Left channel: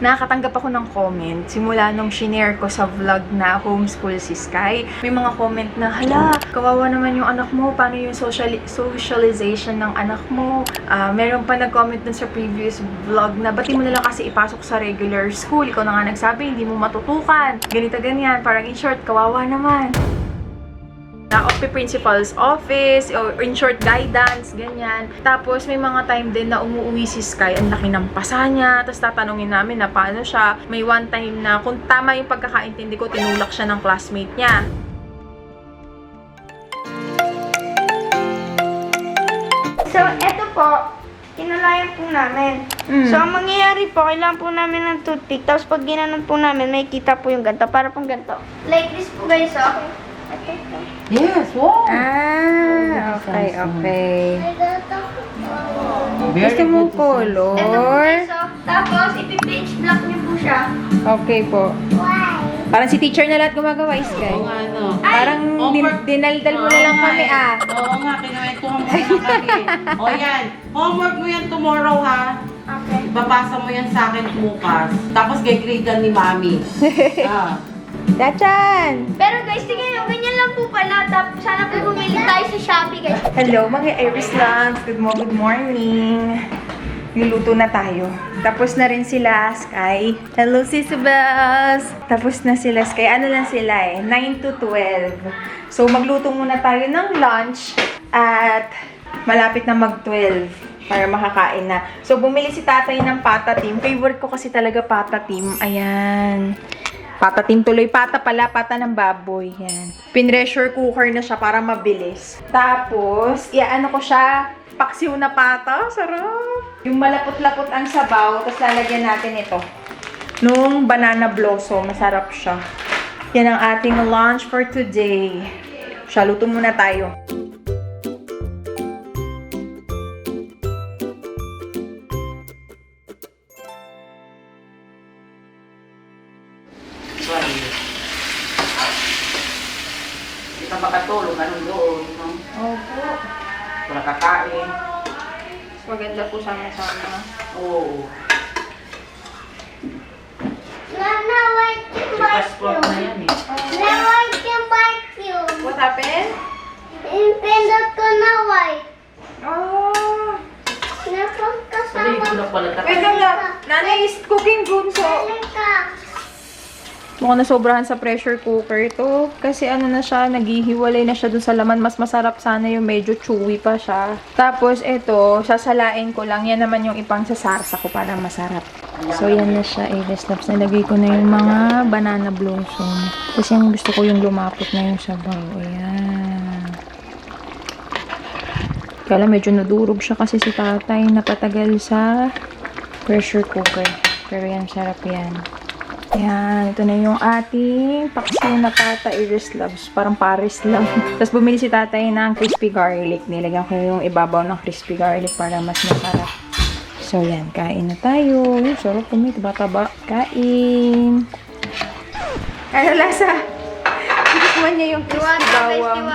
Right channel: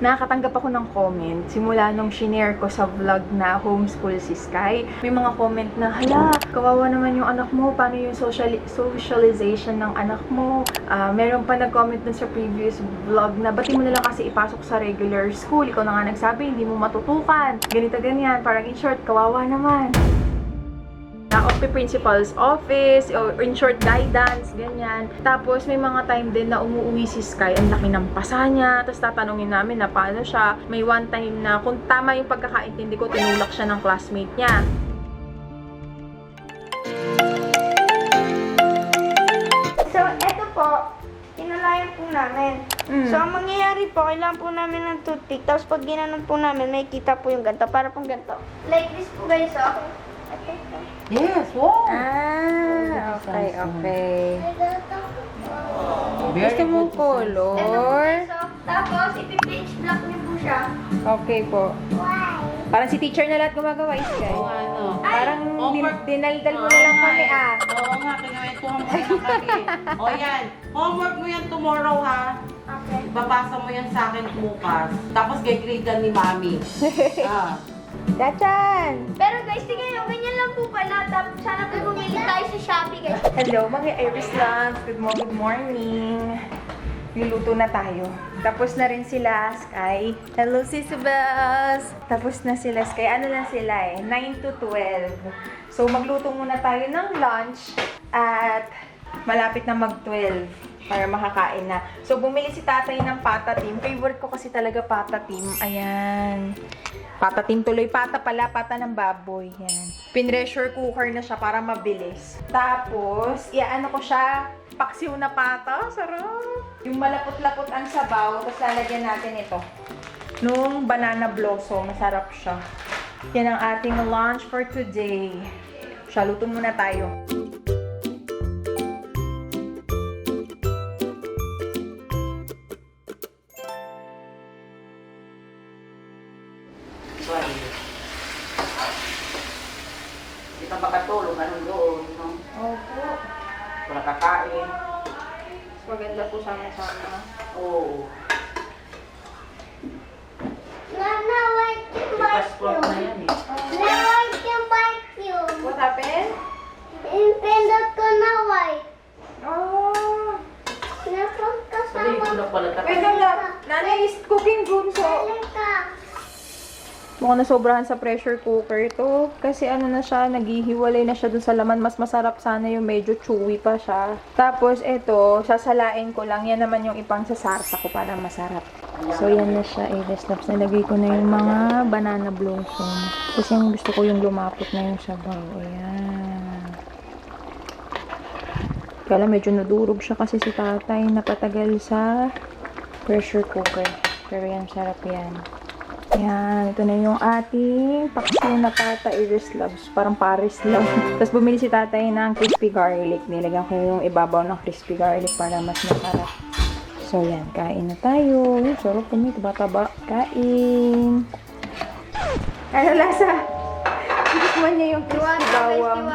Nakakatanggap ako ng comment simula nung shinare ko sa vlog na homeschool si Sky. May mga comment na, hala, kawawa naman yung anak mo, paano yung socialization ng anak mo? Meron pa nag-comment dun sa previous vlog na, ba't mo na lang kasi ipasok sa regular school? Ikaw na nga nagsabi, hindi mo matutukan. Ganito, ganyan. Parang in short, kawawa naman. Principal's office, or in short, guidance, ganyan. Tapos, may mga time din na umuwi si Sky, ang laki ng pasa niya, tapos tatanungin namin na paano siya. May one time na, kung tama yung pagkakaintindi ko, tinulak siya ng classmate niya. So, eto po, kinalayan po namin. So, ang mangyayari po, kailangan po namin ng toothpick. Tapos, pag ginanon po namin, may kita po yung ganito. Para pong ganito. Like this po, guys, oh. Yes, wow. Okay, okay. Very Gusto mo good. color? Ito po, guys, oh. Tapos, ipipage block niyo po siya. Okay po. Why? Parang si teacher na lahat gumagawa, Sky. Oo, ano. Parang Homework. dinaldal mo na lang kami, ah. Oo nga, kinakwentuhan mo na kami. O yan, homework mo yan tomorrow, ha? Okay. Ipapasa mo yan sa akin bukas. Tapos gagrade ni Mami. Dachan! Pero guys, tingnan nyo, ganyan lang po pala. Tapos, sana po bumili tayo sa Shopee, guys. Hello, mga Iris Lands. Good morning. Niluto na tayo. Tapos na rin sila, Sky. Hello, Sisabels! Tapos na sila, Sky. Ano lang sila 9 to 12. So, magluto muna tayo ng lunch. At malapit na mag-12 para makakain na. So, bumili si tatay ng pata team. Favorite ko kasi talaga pata team. Ayan. Pata team tuloy. Pata pala. Pata ng baboy. Yan. Pinressure cooker na siya para mabilis. Tapos, ano ko siya. Paksiw na pata. Sarap. Yung malapot-lapot ang sabaw. Tapos lalagyan natin ito. Nung banana blossom. Masarap siya. Yan ang ating lunch for today. Siya, luto muna tayo. Hindi ka makatulog, anong doon, no? Opo. Wala kakain. Maganda po sama-sama. Oo. Nana, why can Passport na yan, eh. Nana, why can vacuum? What happened? Pindot ko na white. Oh. Nasaan ka sa Sabi ko na pala. Wait lang lang. Nanay is cooking good, so... Halika. Mukhang nasobrahan sa pressure cooker ito. Kasi ano na siya, naghihiwalay na siya dun sa laman. Mas masarap sana yung medyo chewy pa siya. Tapos ito, sasalain ko lang. Yan naman yung ipang sasarsa ko para masarap. So yan na siya, Snaps. Nalagay ko na yung mga banana blossom. Kasi yung gusto ko yung lumapot na yung sabaw. Ayan. Kaya medyo nadurog siya kasi si tatay napatagal sa pressure cooker. Pero yan, sarap yan. Yan, ito na yung ating paksiw na pata, Iris loves. Parang Paris lang. Tapos bumili si tatay ng crispy garlic. Nilagyan ko yung ibabaw ng crispy garlic para mas masarap. So yan, kain na tayo. Sarap po, may taba-taba. Kain. Ano lasa? Tikman niya yung crispy bawang.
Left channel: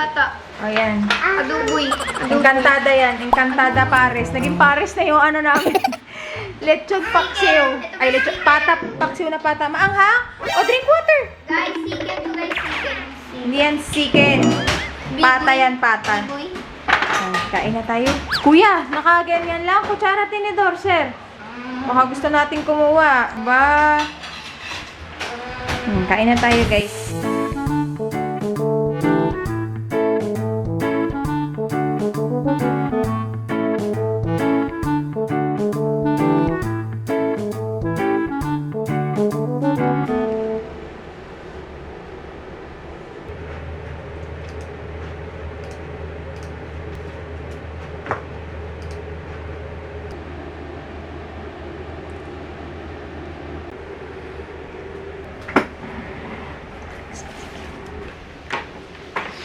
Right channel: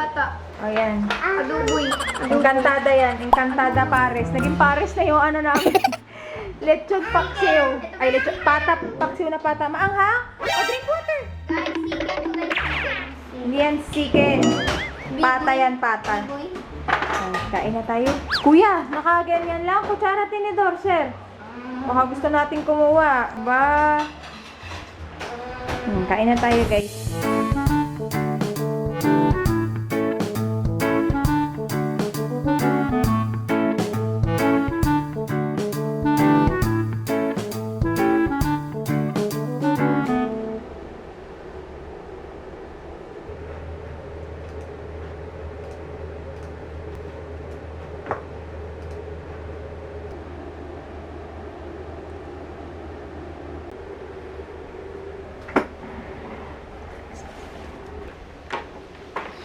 O yan. Adoboy. Encantada yan. Encantada Paris. Naging Paris na yung ano namin. Lechon paksiw. Ay, lechon. Pata, paksiw na pata. Maanghang? O, drink water. Guys, chicken, guys. Hindi yan chicken. Pata yan, pata. Boy. Kain na tayo. Kuya, nakaganyan lang. Kutsara tinidor, sir. Baka gusto natin kumuha. Ba? Kain na tayo, guys.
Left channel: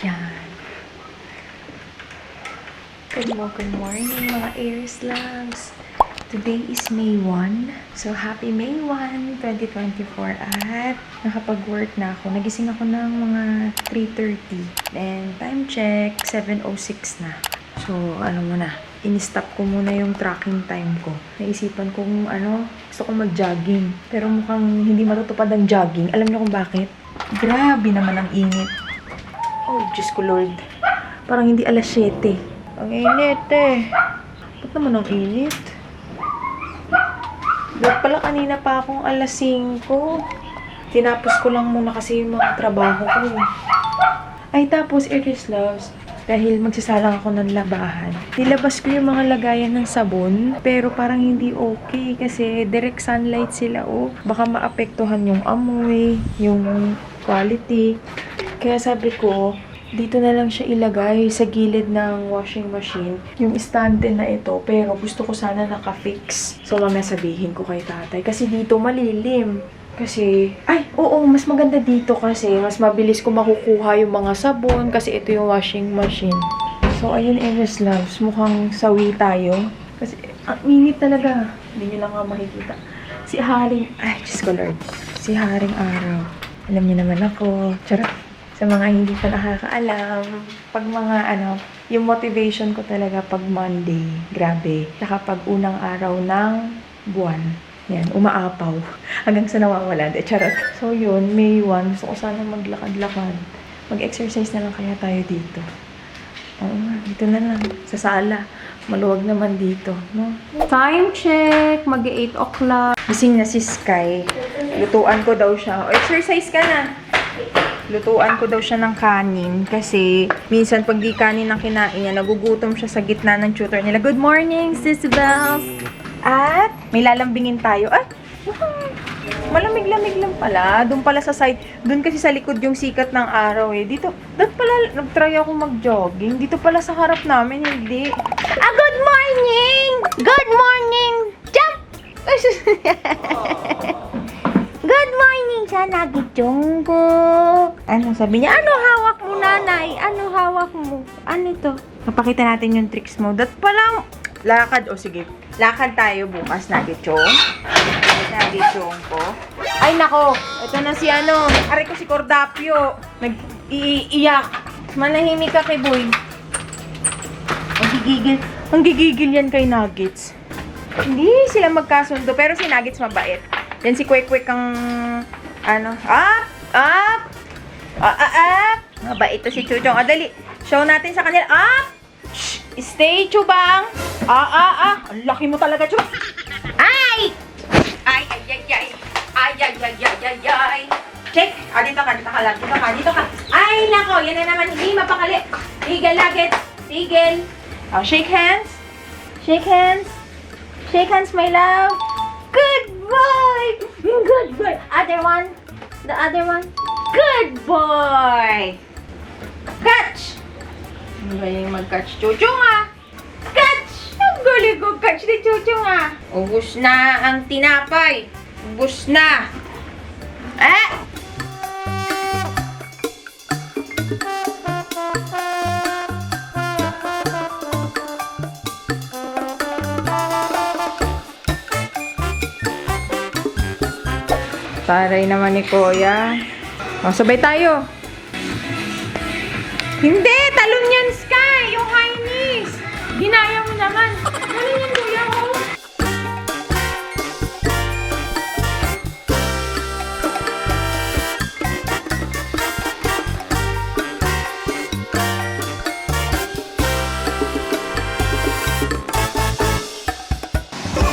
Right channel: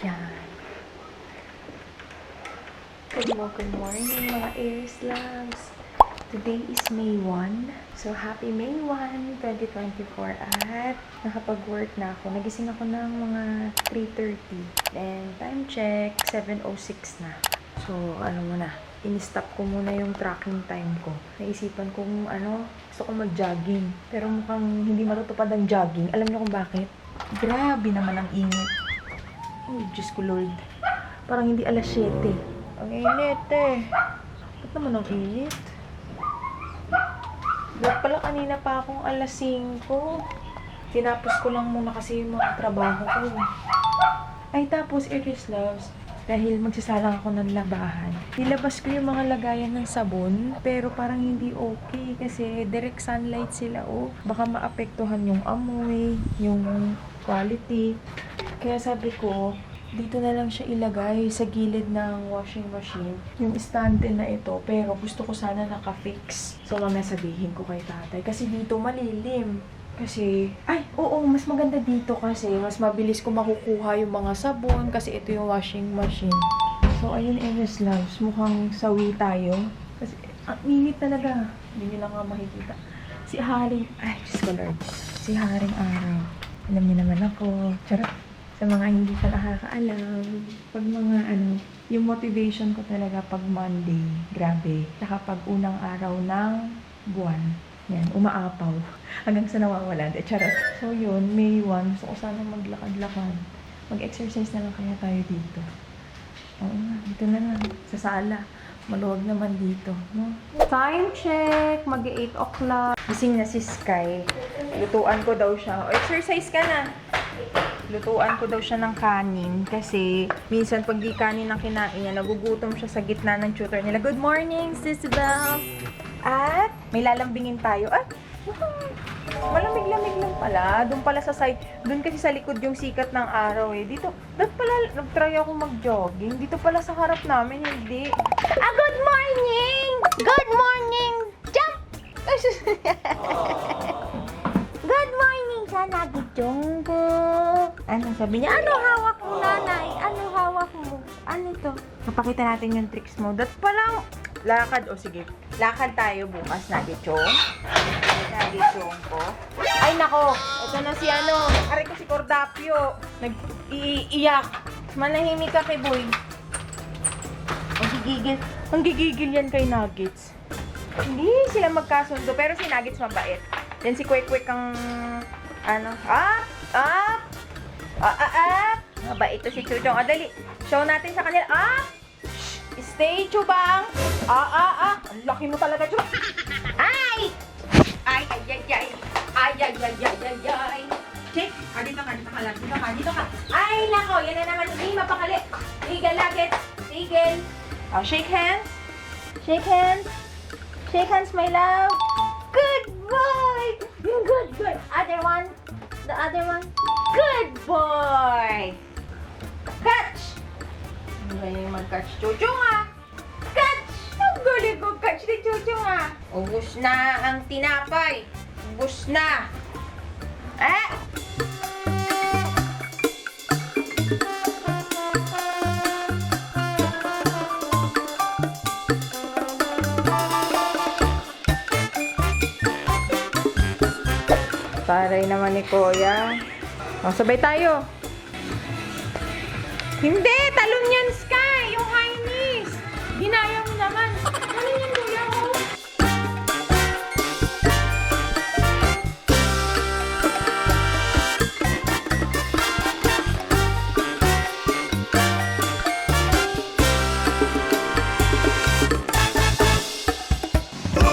Yan. Good morning mga Aries loves. Today is May 1. So, happy May 1, 2024. At nakapag-work na ako. Nagising ako ng mga 3:30. Then, time check, 7:06 na. So, alam mo na. in-stop ko muna yung tracking time ko. Naisipan kong gusto ko mag-jogging. Pero mukhang hindi matutupad ang jogging. Alam niyo kung bakit? Grabe naman ang init. Oh, Diyos ko Lord. Parang hindi alas 7. Ang init eh. Ba't naman ang init? Ba't pala kanina pa akong alas 5? Tinapos ko lang muna kasi yung mga trabaho ko eh. Ay, tapos, Eris Loves, dahil magsasalang ako ng labahan, nilabas ko yung mga lagayan ng sabon, pero parang hindi okay kasi direct sunlight sila, oh. Baka maapektuhan yung amoy, yung quality. Kaya sabi ko, dito na lang siya ilagay sa gilid ng washing machine, yung stante na ito, pero gusto ko sana naka-fix. So, mamaya sabihin ko kay tatay, kasi dito malilim. Kasi, mas maganda dito kasi mas mabilis ko makukuha yung mga sabon kasi ito yung washing machine. So, ayun, Eris Loves, mukhang sawi tayo. Kasi, ang init talaga. Hindi nyo lang nga makikita. Si Diyos ko Lord. Si Haring Araw. Alam niyo naman ako. Charot. Sa mga hindi pa nakakaalam, pag mga yung motivation ko talaga pag Monday, grabe. Saka pag unang araw ng buwan. Yan, umaapaw. Hanggang sa nawawala. Charot. So yun, May 1, gusto ko sana maglakad-lakad. Mag-exercise na lang kaya tayo dito. Oo nga, dito na lang. Sa sala. Maluwag naman dito, no? Time check! Mag-8 o'clock. Gising na si Sky. Lutuan ko daw siya. O, exercise ka na. Lutuan ko daw siya ng kanin kasi minsan pag di kanin ang kinain niya, nagugutom siya sa gitna ng tutor nila. Good morning, Sis Belle! At may lalambingin tayo. Malamig-lamig lang pala. Doon pala sa side. Doon kasi sa likod yung sikat ng araw eh. Dito pala nag-try ako mag-jogging. Dito pala sa harap namin, hindi. Good morning! Good morning! Jump! Good morning, Sanagi Jonggo. Ano sabi niya? Ano hawak mo, nanay? Ano hawak mo? Ano to? Napakita natin yung tricks mo. Dat palang lakad. O sige, lakad tayo bukas, Nagichong. Nagichong ko. Ay nako, ito na si aray ko si Cordapio. Nag-iiyak. Manahimik ka kay Boy. Ang gigigil yan kay Nuggets. Hindi sila magkasundo, pero si Nuggets mabait. Then si Kwek-Kwek ang mabait to si Chuchong. Dali, show natin sa kanila. Stay, Chubang. Ang laki mo talaga, Chubang. Ay! Check. Dito ka lang. Dito ka. Ay, nako. Yan na naman. Hindi mapakali. Tigil, Nuggets. Tigil. Shake hands. Shake hands. Shake hands, my love. Good boy. Good boy. Other one. The other one. Good boy. Catch. Ano ba yung mag-catch? Chuchong Catch! Ang galing ko catch ni Chuchong Ubus na ang tinapay. Ubus na. Taray naman ni Kuya. Sabay tayo. Hindi! Talon yan, Sky! Yung high knees! Ginaya mo naman. Talon yan, Kuya,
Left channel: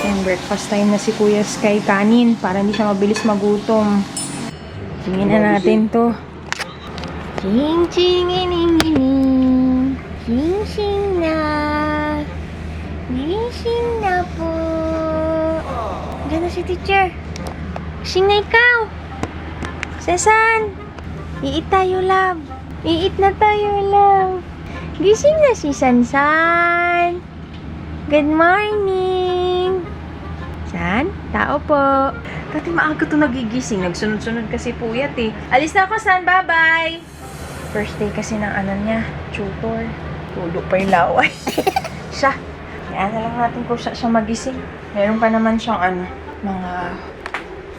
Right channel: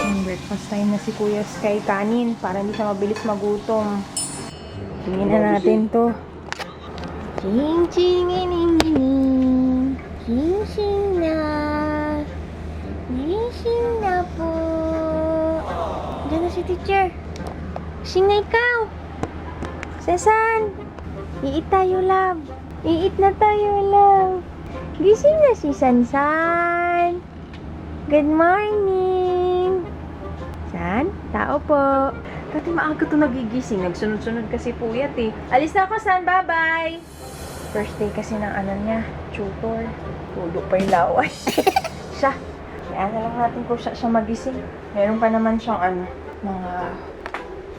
Yung breakfast time na si Kuya Sky kanin para hindi siya mabilis magutom. Tingin na natin to. Ching na po. Diyan na si teacher. Sing na ikaw. Sasan? Iit tayo, love. Iit na tayo, love. Gising na si Sansan. Good morning. San? Tao po. Dati maaga to nagigising. Nagsunod-sunod kasi puyat eh. Alis na ako, San. Bye-bye. First day kasi ng niya, tutor. Tulog pa yung laway. Siya. Kaya na lang natin kung siya magising. Meron pa naman siyang mga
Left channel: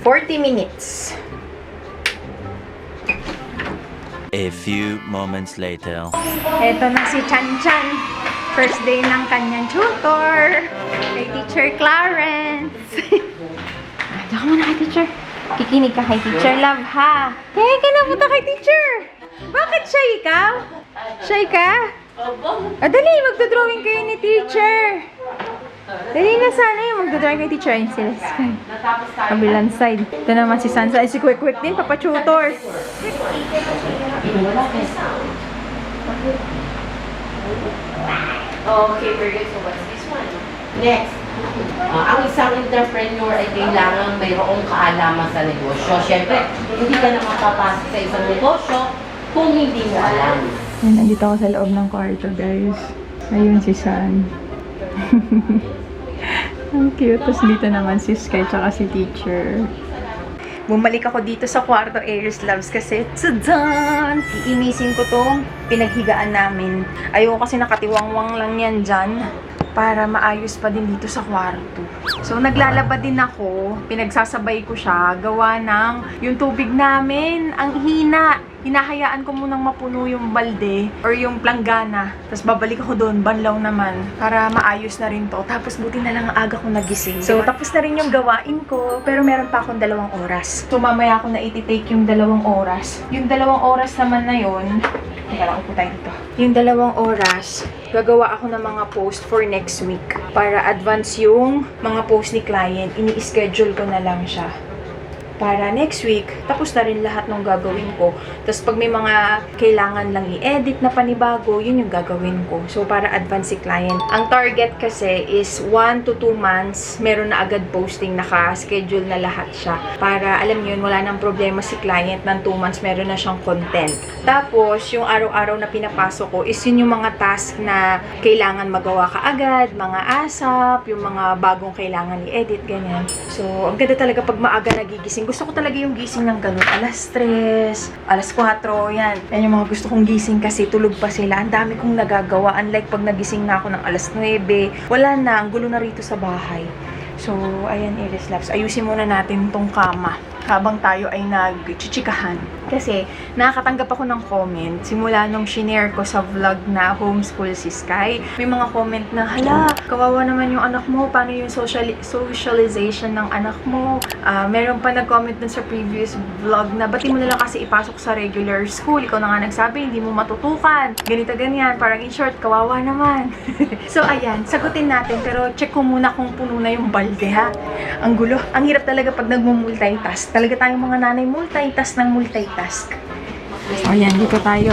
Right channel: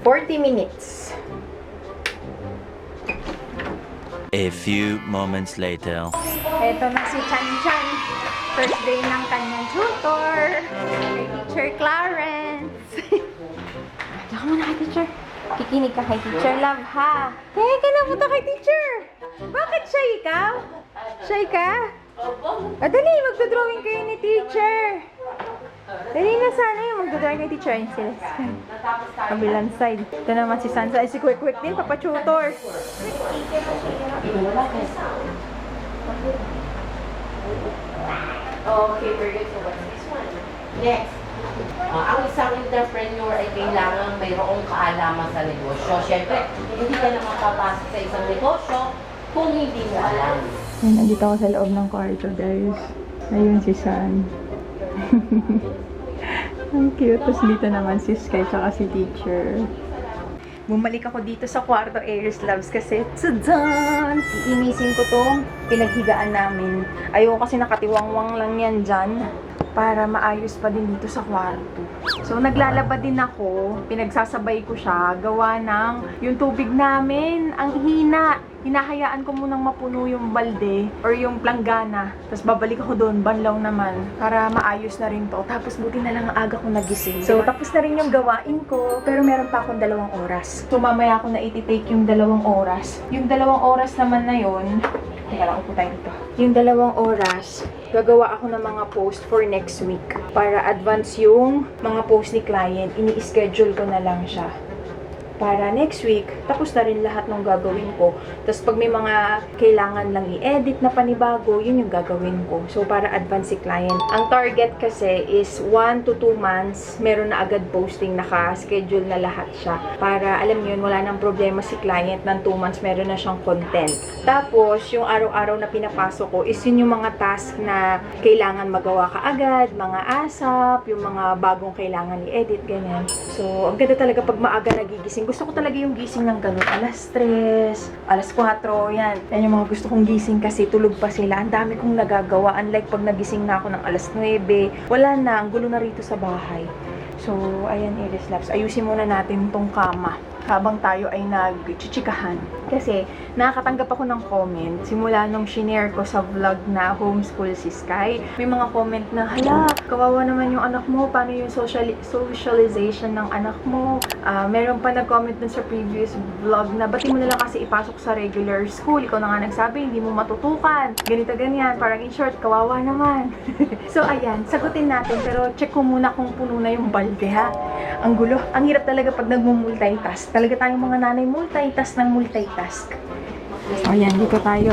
40 minutes. A few moments later. Eto na si Chan Chan. First day ng kanyang tutor. Kay Teacher Clarence. Ako muna kay Teacher. Kikinig ka kay Teacher Love, ha? Kaya ka na punta kay Teacher. Bakit shy ka? Shy ka? Dali, magdodrawing kayo ni Teacher. Dali na sana yung magdodrawing kay Teacher. Ayun sila. Kabilang side. Ito naman si Sansa. Ay, si Quick Quick din, papa-tutor. Okay, very good. So what's this one? Next. Ang isang entrepreneur ay kailangan mayroong kaalaman sa negosyo. Siyempre, hindi ka na makapasok sa isang negosyo kung hindi mo alam. Yan, nandito ako sa loob ng kwarto, guys. Ayun si San. Ang cute. Tapos dito naman si Sky tsaka si Teacher. Bumalik ako dito sa kwarto, Aries Loves, kasi tadaan! Iinisin ko tong pinaghigaan namin. Ayoko kasi nakatiwangwang lang yan dyan para maayos pa din dito sa kwarto. So, naglalaba din ako. Pinagsasabay ko siya. Gawa ng yung tubig namin. Ang hina. Hinahayaan ko munang mapuno yung balde or yung planggana. Tapos babalik ako doon, banlaw naman, para maayos na rin to. Tapos buti na lang ang aga ko nagising. So, tapos na rin yung gawain ko, pero meron pa akong 2 oras. So, mamaya ako na iti-take yung 2 oras. Yung 2 oras naman na yun, teka lang, upo tayo dito. Yung 2 oras, gagawa ako ng mga post for next week. Para advance yung mga post ni client, ini-schedule ko na lang siya. Para next week, tapos na rin lahat ng gagawin ko. Tapos pag may mga kailangan lang i-edit na panibago, yun yung gagawin ko. So, para advance si client. Ang target kasi is 1 to 2 months, meron na agad posting, naka-schedule na lahat siya. Para, alam yun, wala nang problema si client ng 2 months, meron na siyang content. Tapos, yung araw-araw na pinapasok ko is yun yung mga task na kailangan magawa ka agad, mga ASAP, yung mga bagong kailangan i-edit, ganyan. So, ang ganda talaga pag maaga nagigising. Gusto ko talaga yung gising ng ganun. Alas 3, alas 4, yan. Yan yung mga gusto kong gising kasi tulog pa sila. Ang dami kong nagagawa. Unlike pag nagising na ako ng alas 9, wala na. Ang gulo na rito sa bahay. So, ayan, Aries Loves. Ayusin muna natin tong kama habang tayo ay nagchichikahan. Kasi, nakakatanggap ako ng comment simula nung shinare ko sa vlog na homeschool si Sky. May mga comment na, hala, kawawa naman yung anak mo. Paano yung socialization ng anak mo? Meron pa nag-comment dun sa previous vlog na, ba't mo na lang kasi ipasok sa regular school? Ikaw na nga nagsabi, hindi mo matutukan. Ganito, ganyan. Parang in short, kawawa naman. So, ayan, sagutin natin. Pero check ko muna kung puno na yung balde, ha? Ang gulo. Ang hirap talaga pag nagmumultitask. Talaga tayong mga nanay, multitask ng multitask. So, ayan, dito tayo.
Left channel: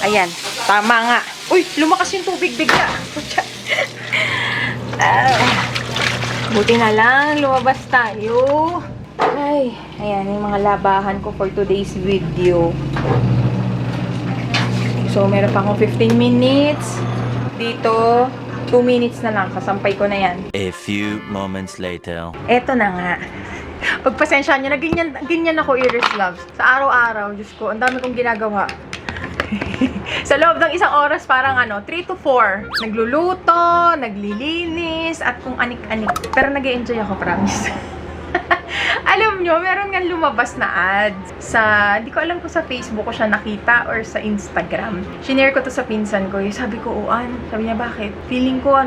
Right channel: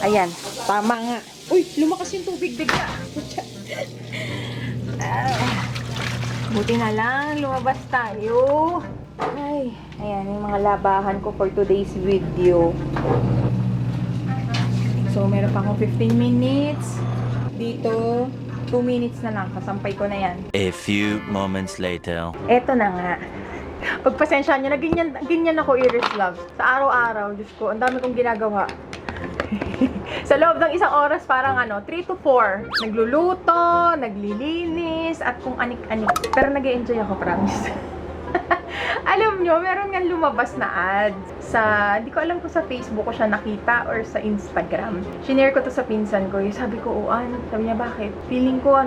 Ayan, tama nga. Uy, lumakas yung tubig bigla. Buti na lang, lumabas tayo. Ay, ayan, yung mga labahan ko for today's video. So, meron pa akong 15 minutes. Dito, 2 minutes na lang. Kasampay ko na yan. A few moments later. Eto na nga. Pagpasensya nyo na, ganyan ako, Aries Loves. Sa araw-araw, Diyos ko, ang dami kong ginagawa. Sa loob ng 1 oras, parang 3 to 4. Nagluluto, naglilinis, at kung anik-anik. Pero nag-e-enjoy ako, promise. Alam nyo, meron nga lumabas na ads sa, hindi ko alam kung sa Facebook ko siya nakita or sa Instagram. Shinare ko to sa pinsan ko. Sabi ko, sabi niya, bakit? Feeling ko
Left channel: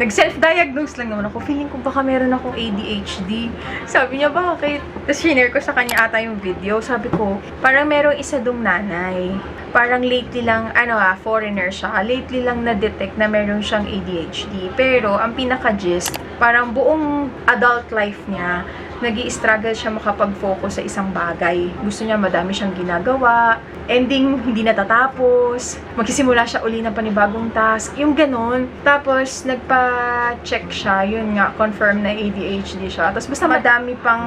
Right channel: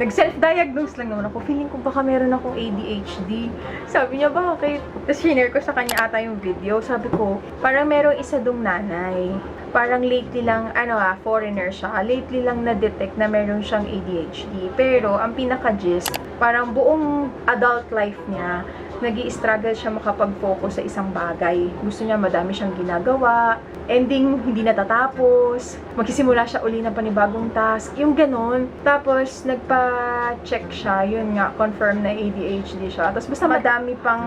nag-self-diagnose lang naman ako. Feeling ko baka meron akong ADHD. Sabi niya, bakit? Tapos shinare ko sa kanya ata yung video. Sabi ko, parang merong isa dong nanay. Parang lately lang, foreigner siya. Lately lang na-detect na meron siyang ADHD. Pero, ang pinaka-gist, parang buong adult life niya, nag-i-struggle siya makapag-focus sa isang bagay. Gusto niya madami siyang ginagawa. Ending, hindi natatapos. Magsisimula siya uli ng panibagong task. Yung ganun. Tapos, nagpa-check siya. Yun nga, confirm na ADHD siya. Tapos, basta madami pang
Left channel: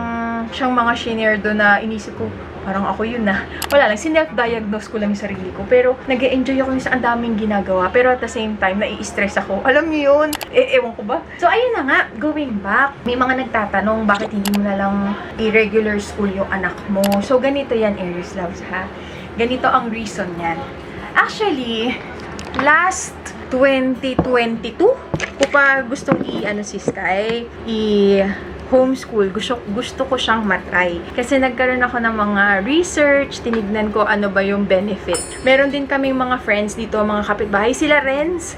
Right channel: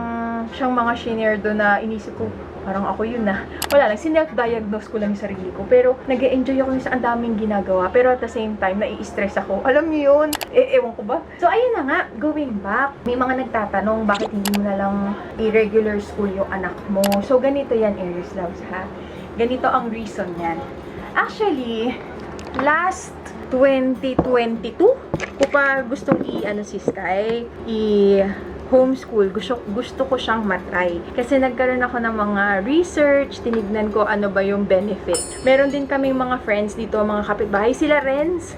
siyang mga shinare doon na inisip ko, parang ako yun na. Wala lang, sinelf-diagnose ko lang yung sarili ko. Pero, nag-e-enjoy ako sa ang daming ginagawa. Pero at the same time, nai-stress ako. Alam niyo yun? Ewan ko ba? So, ayun na nga, going back. May mga nagtatanong, bakit hindi mo na lang i-regular school yung anak mo? So, ganito yan, Aries Loves, ha? Ganito ang reason yan. Actually, last 2022, ko pa gustong si Sky, homeschool, gusto ko siyang matry. Kasi nagkaroon ako ng mga research, tinignan ko ano ba yung benefit. Meron din kaming mga friends dito, mga kapitbahay, sila Renz.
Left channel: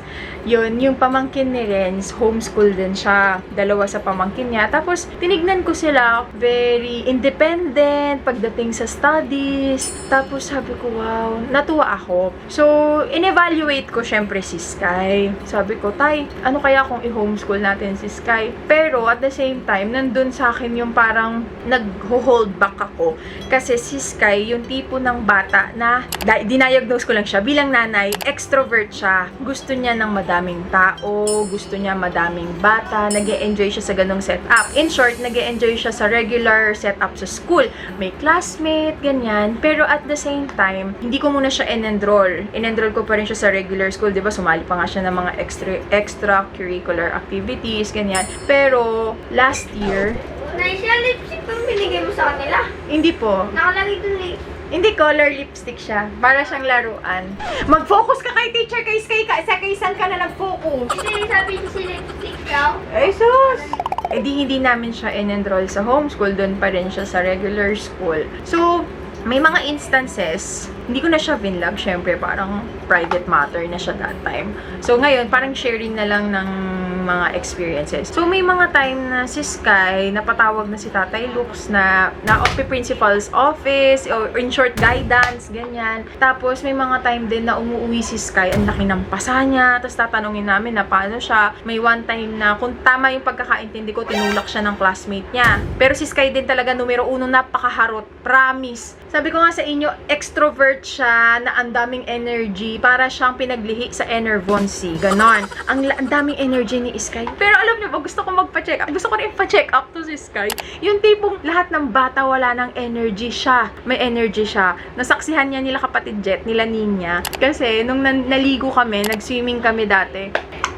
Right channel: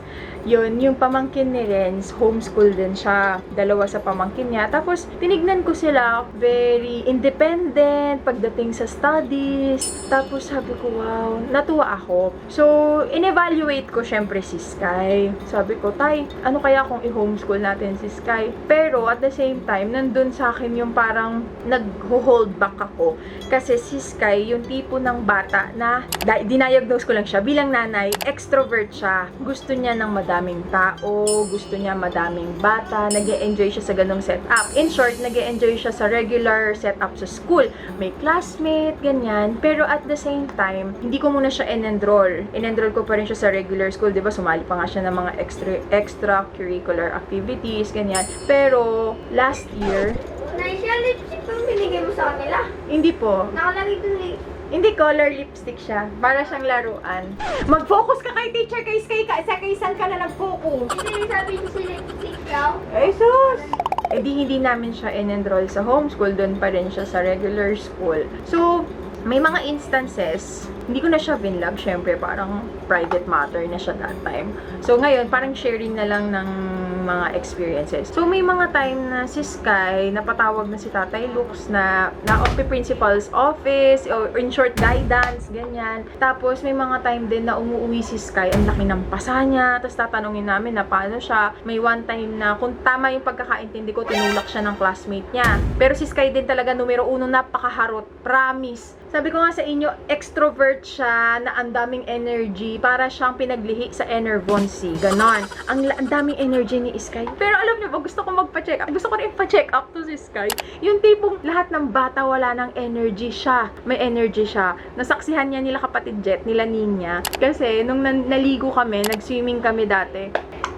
yun, yung pamangkin ni Renz, homeschool din siya. Dalawa sa pamangkin niya. Tapos, tinignan ko sila, very independent pagdating sa studies. Tapos, sabi ko, wow, natuwa ako. So, in-evaluate ko syempre si Sky. Sabi ko, Tay, ano kaya kung i-homeschool natin si Sky? Pero, at the same time, nandun sa akin yung parang nag-hold back ako. Kasi si Sky, yung tipo ng bata na, dinayagnos ko lang siya, bilang nanay, extrovert siya. Gusto niya ng madaming tao, gusto niya madaming bata, nag-e-enjoy siya sa ganong setup. In short, nag-e-enjoy siya sa regular setup sa school. May classmate, ganyan. Pero at the same time, hindi ko muna siya in-enroll. In-enroll ko pa rin siya sa regular school, di ba? Sumali pa nga siya ng mga extracurricular activities, ganyan. Pero, last year, Naisya, lipstick pang binigay mo sa kanila. hindi po. Nakalagay dun eh. Hindi color lipstick siya. Para siyang laruan. Mag-focus ka kay teacher, kay Sky, sa kay saan ka na nag-focus. Hindi sabi ko si lipstick daw. Ay, sus! Eh di hindi namin siya in-enroll sa homeschool. Doon pa rin siya sa regular school. So, may mga instances, hindi ko na siya binlog. Syempre, parang private matter na siya that time. So, ngayon, parang sharing na lang ng mga experiences. So, may mga time na si Sky, napatawag na si Tatay Lux na principal's office, or in short, guidance, ganyan. Tapos, may mga time din na umuwi si Sky, ang laki ng pasa niya, tapos tatanungin namin na paano siya. May one time na, kung tama yung pagkakaintindi ko, tinulak siya ng classmate niya. Pero si Sky din talaga, numero 1, napakaharot. Promise. Sabi ko nga sa inyo, extrovert siya, na ang daming energy, para siyang pinaglihi sa Enervonsi. Ganon. Ang daming energy ni Sky. Pero alam niyo ba, gusto ko magpa-check up. Gusto ko rin pa-check up to si Sky. Yung tipong lahat ng bata wala ng energy siya. May energy siya. Nasaksihan niya nila kapatid Jet, nila Ninya. Kasi nung naligo kami, nag-swimming kami dati.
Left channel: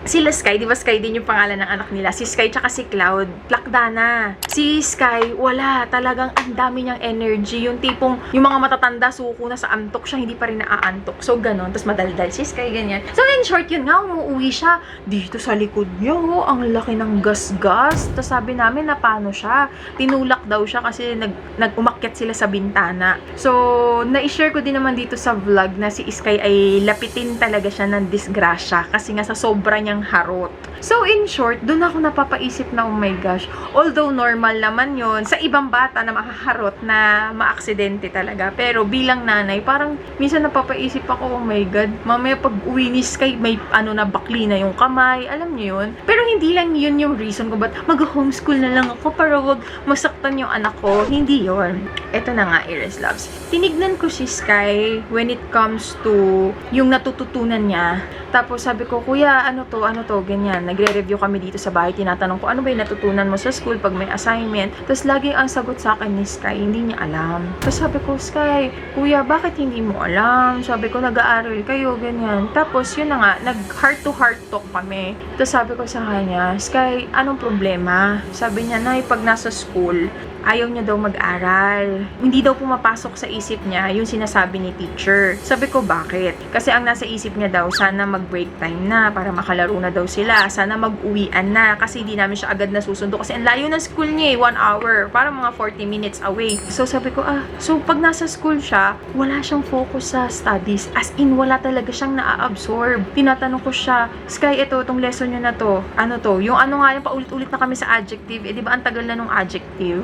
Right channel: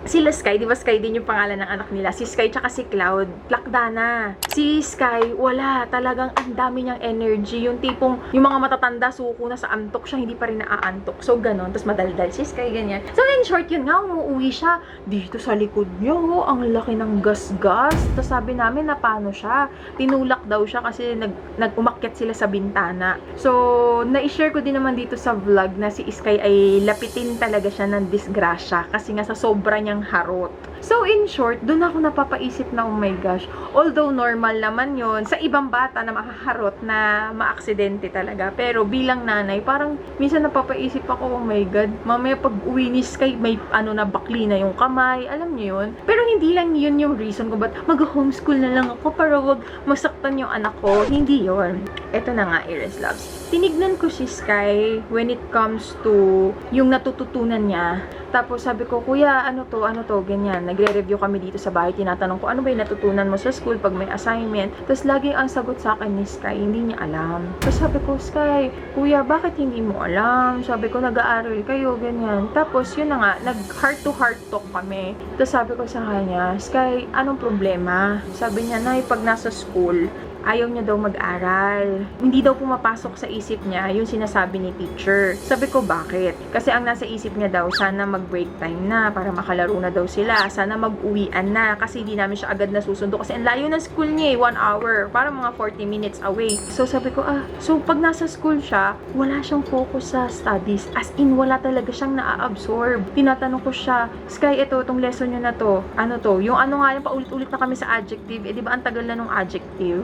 Sila Sky, di ba Sky din yung pangalan ng anak nila? Si Sky tsaka si Cloud, plakda na. Si Sky, wala. Talagang ang dami niyang energy. Yung tipong, yung mga matatanda, suko na sa antok siya, hindi pa rin naaantok. So, ganon. Tapos madaldal si Sky, ganyan. So, in short, yun nga, umuwi siya. Dito sa likod niya, oh, ang laki ng gas-gas. Tapos sabi namin na paano siya. Tinulak daw siya kasi nag-umakyat sila sa bintana. So, na-share ko din naman dito sa vlog na si Sky ay lapitin talaga siya ng disgrasya. Kasi nga sa sobra niya harot. So, in short, doon ako napapaisip na, oh my gosh, although normal naman yon sa ibang bata na makaharot na maaksidente talaga. Pero bilang nanay, parang minsan napapaisip ako, oh my God, mamaya pag uwi ni Sky, may na bakli na yung kamay, alam niyo yun? Pero hindi lang yun yung reason ko ba't mag-homeschool na lang ako para wag masaktan yung anak ko. Hindi yon. Ito na nga, Iris Loves. Tinignan ko si Sky when it comes to yung natututunan niya. Tapos sabi ko, kuya, ano to, ganyan. Nagre-review kami dito sa bahay. Tinatanong ko, ano ba yung natutunan mo sa school pag may assignment? Tapos laging ang sagot sa akin ni Sky, hindi niya alam. Tapos sabi ko, Sky, kuya, bakit hindi mo alam? Sabi ko, nag-aaral kayo, ganyan. Tapos yun na nga, nag-heart-to-heart talk kami. Tapos sabi ko sa kanya, Sky, anong problema? Sabi niya, Nay, pag nasa school, ayaw niya daw mag-aral. Hindi daw pumapasok sa isip niya yung sinasabi ni teacher. Sabi ko, bakit? Kasi ang nasa isip niya daw, sana mag-break time na para makalaro na daw sila. Sana mag-uwian na kasi hindi namin siya agad nasusundo. Kasi ang layo ng school niya 1 hour. Parang mga 40 minutes away. So sabi ko, so pag nasa school siya, wala siyang focus sa studies. As in, wala talaga siyang naa-absorb. Tinatanong ko siya, Sky, itong lesson niyo na to. Ano to? Yung ano nga, yung paulit-ulit na kami sa adjective. Di ba ang tagal na nung adjective?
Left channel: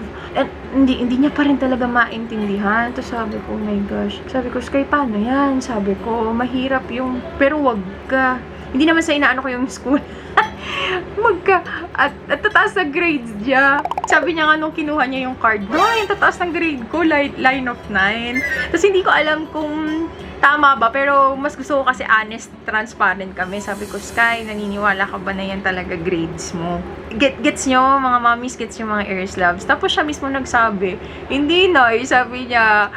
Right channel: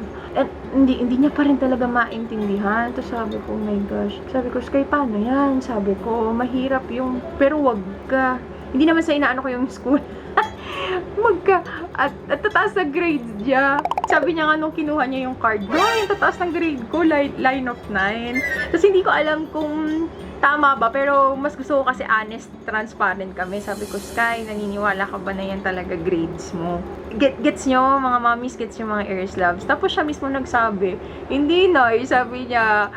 Hindi niya pa rin talaga maintindihan. Tapos sabi ko, oh my gosh. Sabi ko, Sky, paano yan? Sabi ko, mahirap yung, pero wag ka. Hindi naman sa inaano ko yung school. At tataas na grades niya. Sabi niya nga nung kinuha niya yung card, yung tataas ng grade ko, line of 9. Tapos hindi ko alam kung tama ba, pero mas gusto ko kasi honest, transparent kami. Sabi ko, Sky, naniniwala ka ba na yan talaga grades mo? Gets nyo, mga mommies, gets nyo mga Iris Loves. Tapos siya mismo nagsabi, hindi na, sabi niya,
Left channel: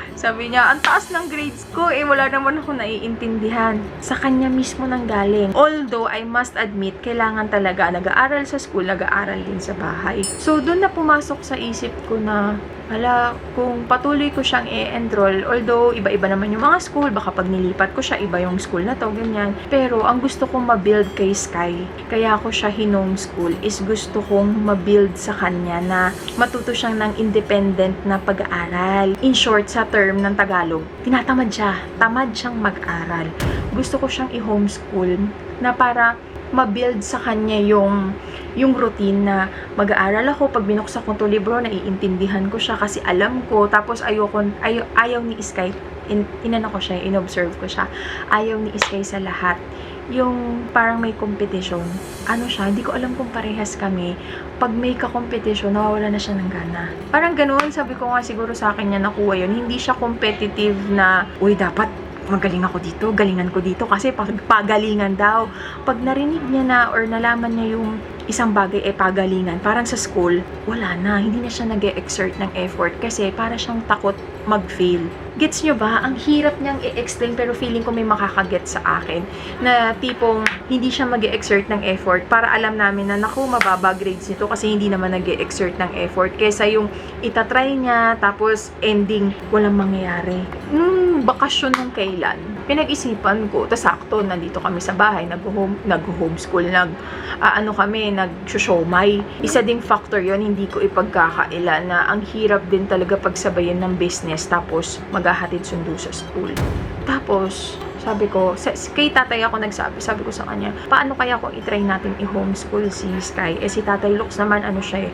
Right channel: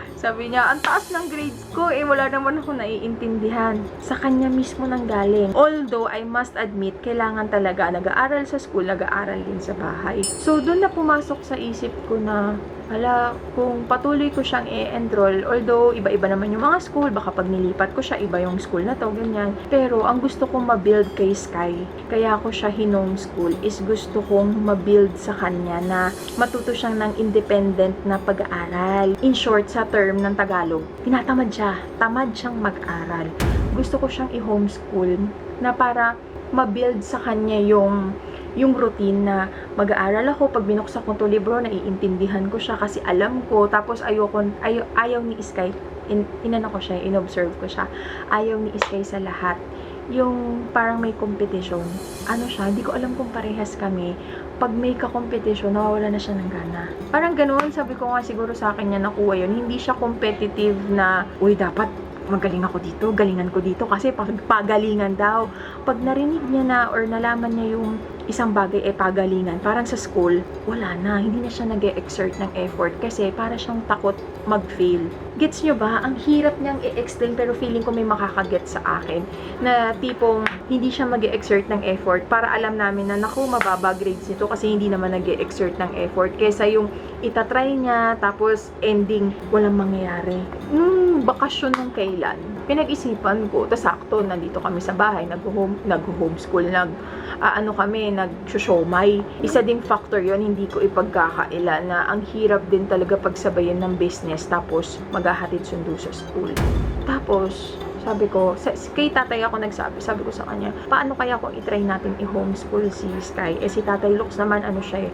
ang taas ng grades ko, wala naman ako naiintindihan. Sa kanya mismo nang galing. Although, I must admit, kailangan talaga, nag-aaral sa school, nag-aaral din sa bahay. So, doon na pumasok sa isip ko na, hala, kung patuloy ko siyang i-enroll, although iba-iba naman yung mga school, baka pag nilipat ko siya, iba yung school na to, ganyan. Pero, ang gusto kong ma-build kay Sky, kaya ako siya hinome-school, is gusto kong ma-build sa kanya na matuto siyang ng independent na pag-aaral. In short, sa term ng Tagalog, tinatamad siya. Tamad siyang mag-aral. Gusto ko siyang i-homeschool na para ma-build sa kanya yung routine na mag-aaral ako, pag binuksan ko to libro, naiintindihan ko siya kasi alam ko, tapos ayaw ni Sky, inano ko siya, inobserve ko siya, ayaw ni Sky sa lahat. Yung parang may competition, ano siya, hindi ko alam kung parehas kami, pag may ka-competition, nawawala na siya ng gana. Parang ganoon, sabi ko nga siguro sa akin niya nakuha yun, hindi siya competitive na, uy, dapat magaling ako dito, galingan ko dito kasi pagalingan daw. Pag narinig niya na or nalaman niya yung isang bagay ay pagalingan, parang sa school, wala na, hindi na siya nag-e-exert ng effort kasi para siyang takot mag-fail. Gets nyo ba? Ang hirap niyang i-explain pero feeling ko may makakaget sa akin na tipong hindi siya mag-e-exert ng effort para alam namin na naku, mababa grades nito kasi hindi naman nag-e-exert ng effort kesa yung itatry niya tapos ending walang mangyayari. Bakasyon ng kailan, pinag-isipan ko, tas sakto, nandito kami sa bahay, nag-homeschool, nag-showmay. Isa ding factor yon, hindi ko ipagkakaila na ang hirap din talaga pagsabayan ng business tapos maghahatid sundo sa school. Tapos, sabi ko, kay tatay ako nagsabi, sabi ko sa kanya, paano kaya kung itry natin i-homeschool si Sky? Si tatay Lux naman,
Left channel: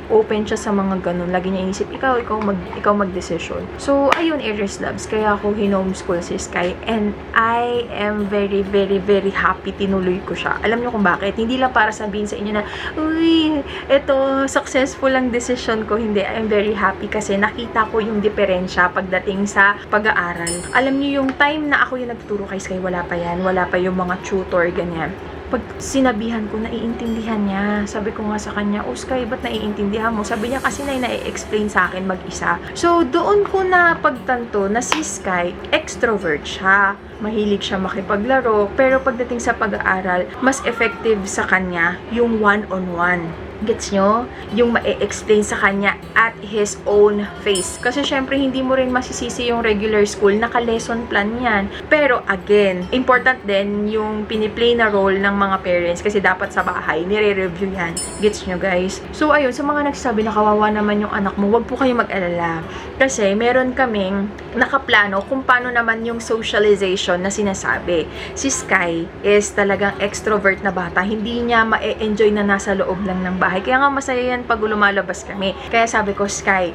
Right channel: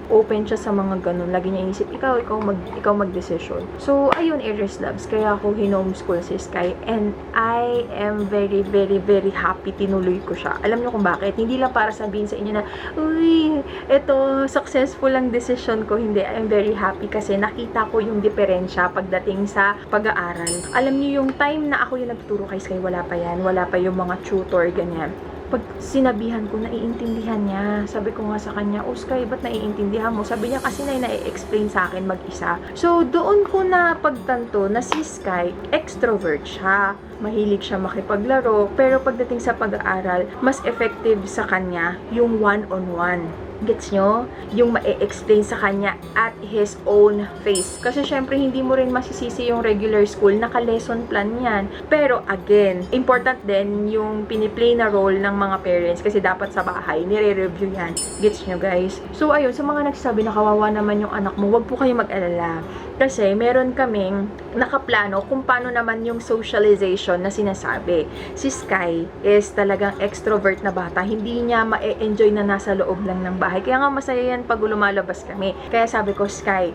open siya sa mga ganun. Lagi niya inisip, ikaw mag-decision. So, ayun, Aries Loves, kaya ako hinomeschool si Sky. And I am very, very, very happy tinuloy ko siya. Alam niyo kung bakit? Hindi lang para sabihin sa inyo na, uy, ito, successful ang decision ko. Hindi, I am very happy kasi nakita ko yung diferensya pagdating sa pag-aaral. Alam niyo yung time na ako yung nagtuturo kay Sky, wala pa yan, wala pa yung mga tutor, ganyan. Pag sinabihan ko, naiintindihan niya. Sabi ko nga sa kanya, oh Sky, ba't naiintindihan mo? Sabi niya kasi na-explain sa akin mag-isa. So, doon ko na pagtanto na si Sky, extrovert siya. Mahilig siya makipaglaro, pero pagdating sa pag-aaral, mas effective sa kanya yung one-on-one. Gets nyo? Yung ma-explain sa kanya at his own face. Kasi syempre, hindi mo rin masisisi yung regular school, naka-lesson plan yan. Pero again, important din yung piniplay na role ng mga parents kasi dapat sa bahay, nire-review yan. Gets nyo guys? So ayun, sa mga nagsasabi na kawawa naman yung anak mo, wag po kayo mag-alala. Kasi meron kaming nakaplano kung paano naman yung socialization na sinasabi. Si Sky is talagang extrovert na bata. Hindi niya ma-enjoy na nasa loob lang ng bahay. Kaya nga masaya yan pag lumalabas kami. Kaya sabi ko, Sky,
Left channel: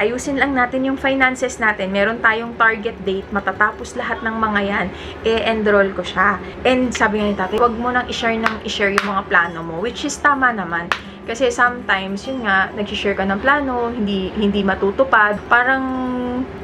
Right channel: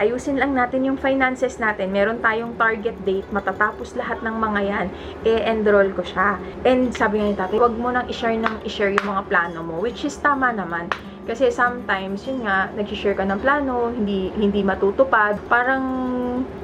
ayusin lang natin yung finances natin. Meron tayong target date. Matatapos lahat ng mga yan. E-enroll ko siya. And sabi nga ni tatay, wag mo nang i-share yung mga plano mo. Which is tama naman. Kasi sometimes, yun nga, nag-share ka ng plano, hindi matutupad. Parang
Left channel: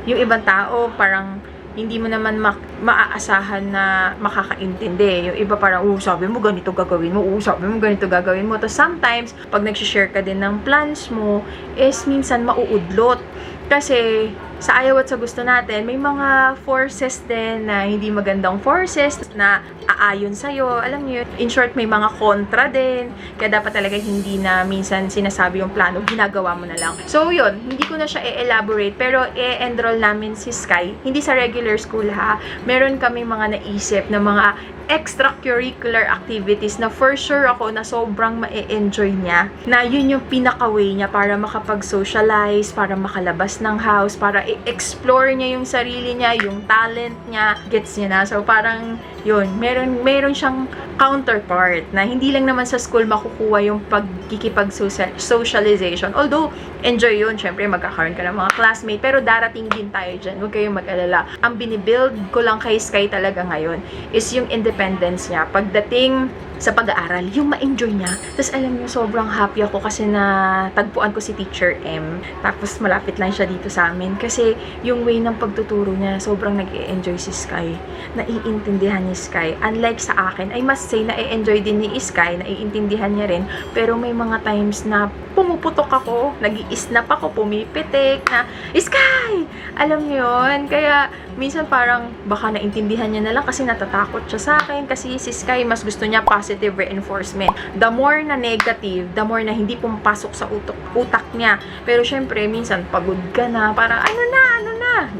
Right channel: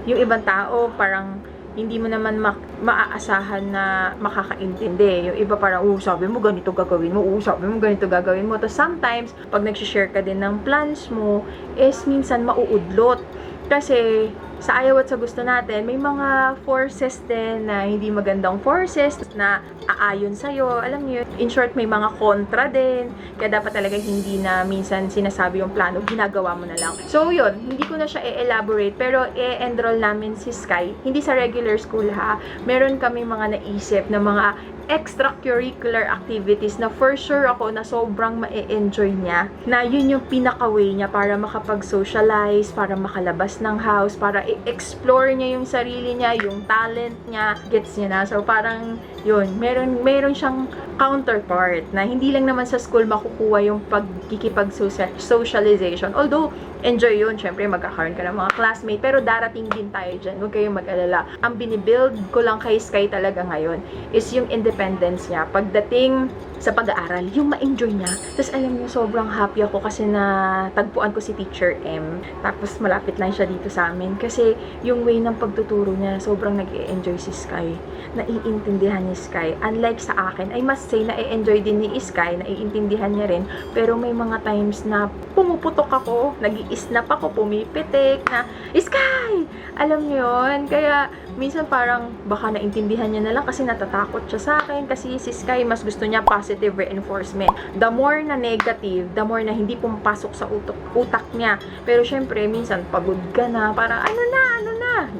yung ibang tao, parang hindi mo naman maaasahan na makakaintindi. Yung iba parang, sabi mo ganito gagawin mo, sabi mo ganito gagawin mo. Tapos sometimes, pag nag-share ka din ng plans mo, is minsan mauudlot. Kasi, sa ayaw at sa gusto natin, may mga forces din na hindi magandang forces na aayon sa'yo. Alam niyo, in short, may mga kontra din. Kaya dapat talaga hindi na minsan sinasabi yung plano, ginagawa mo na lang. So, yun, hindi ko na siya i-elaborate, pero i-enroll namin si Sky. Hindi sa regular school ha. Meron kami mga naisip na mga extracurricular activities na for sure ako na sobrang ma-enjoy niya. Na yun yung pinaka-way niya para makapag-socialize, para makalabas ng house, para i-explore niya yung sarili niya, yung talent niya, gets niya na. So parang yun, meron siyang counterpart na hindi lang naman sa school makukuha yung pagkikipag-socialization. Although, enjoy yun. Syempre, magkakaroon ka ng mga classmate. Pero darating din tayo dyan. Huwag kayong mag-alala. Ang binibuild ko lang kay Sky talaga ngayon is yung independence niya. Pagdating sa pag-aaral, yung ma-enjoy niya. Tapos alam niyo, sobrang happy ako kasi na tagpuan ko si Teacher M. Tapos malapit lang siya dito sa amin. Kasi yung way ng pagtuturo niya, sobrang nag-i-enjoy si Sky. Naiintindihan ni Sky. Unlike sa akin, I must say, nai-enjoy din ni Sky, naiintindihan niya rin. Pero may mga times na pumuputok ako, nag-i-snap ako, pumipitik na, Sky! Alam niyo yun? Kaya minsan parang baka naintindihan niya na lang kasi natatakot siya sa akin. Kasi si Sky, mas gusto niya positive reinforcement. The more na negative, the more na hindi pumapasok sa utak niya. Pero syempre, minsan pagod ka na, parang ano na,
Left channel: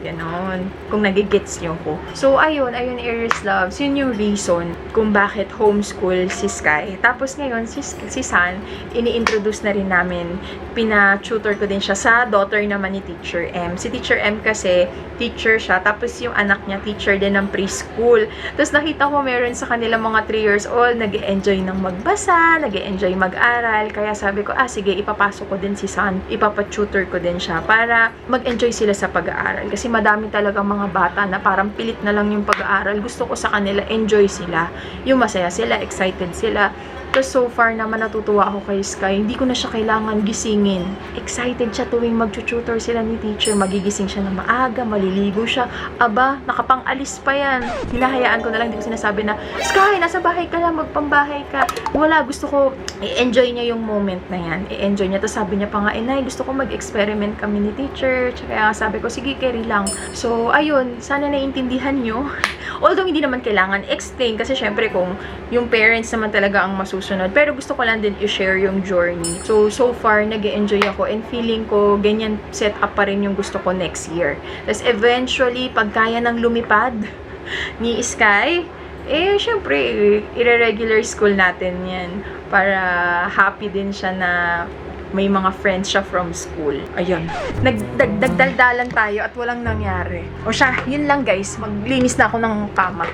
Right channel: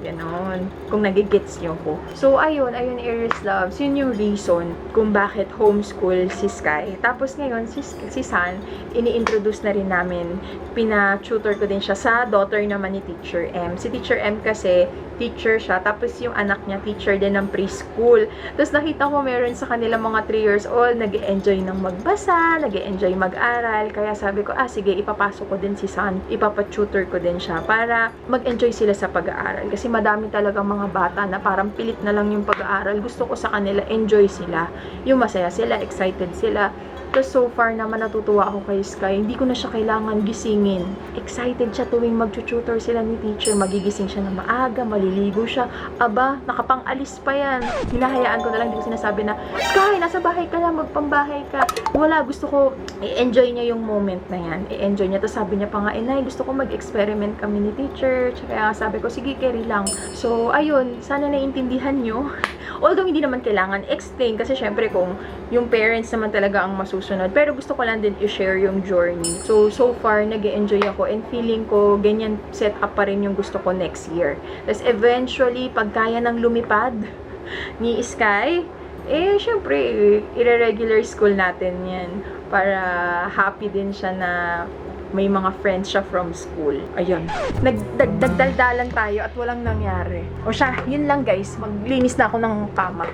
Ganon. Kung nagigets niyo ko. So, ayun, Aries Loves. Yun yung reason kung bakit homeschool si Sky. Tapos ngayon, si San, ini-introduce na rin namin. Pina-tutor ko din siya sa daughter naman ni Teacher M. Si Teacher M kasi, teacher siya. Tapos yung anak niya, teacher din ng preschool. Tapos nakita ko meron sa kanila mga 3 years old, nag-enjoy ng magbasa, nag-enjoy mag-aral. Kaya sabi ko, sige, ipapasok ko din si San. Ipapatutor ko din siya para mag-enjoy sila sa pag-aaral. Kasi madami talagang mga bata na parang pilit na lang yung pag-aaral. Gusto ko sa kanila, enjoy sila. Yung masaya sila, excited sila. Tapos so far naman natutuwa ako kay Sky. Hindi ko na siya kailangan gisingin. Excited siya tuwing mag-tutor sila ni teacher. Magigising siya na maaga, maliligo siya. Aba, nakapang-alis pa yan. Hinahayaan ko na lang, hindi ko sinasabi na, Sky, nasa bahay ka lang, magpambahay ka. Wala, gusto ko, i-enjoy niya yung moment na yan. I-enjoy niya. Tapos sabi niya pa nga, Nay, gusto ko mag-experiment kami ni teacher. Kaya sabi ko, sige, carry lang. So, ayun, sana naiintindihan nyo. Although, hindi naman kailangan explain kasi syempre kung yung parents naman talaga ang masusunod. Pero gusto ko lang din i-share yung journey. So far, nag-enjoy ako and feeling ko ganyan set up pa rin yung gusto ko next year. Tapos eventually, pag kaya ng lumipad ni Sky, syempre, i-regular school natin yan. Para happy din siya na may mga friends siya from school. Ayun. Nagdagdalan tayo at walang nangyari. O siya, yun lang guys. Maglinis na ako ng kama.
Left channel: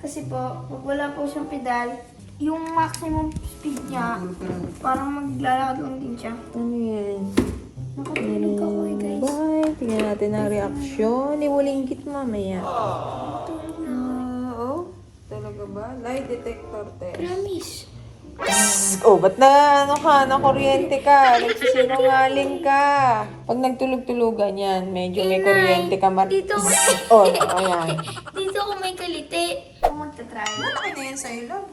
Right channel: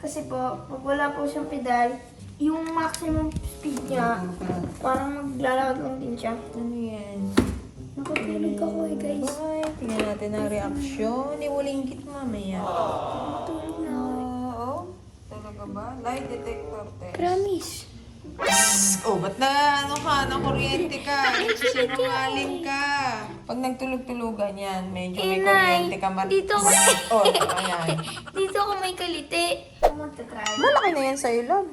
Kasi po, pag wala po siyang pedal, yung maximum speed niya, parang maglalakad lang din siya. Ano yan? Nakatulog ako guys. Bye. Tingnan natin ang reaksyon. Iwalingkit mamaya. Tulog na ako. Oo? Talaga ba? Lie detector test. Promise. Oh, ba't na kuryente ka? Nagsisinungaling ka. Pag nagtulog-tulugan yan, medyo may kuryente ka. Dito ko. Oh, ayan. Dito ko may kalite. Ako magta-try. Malaki na yan sa'yo, love.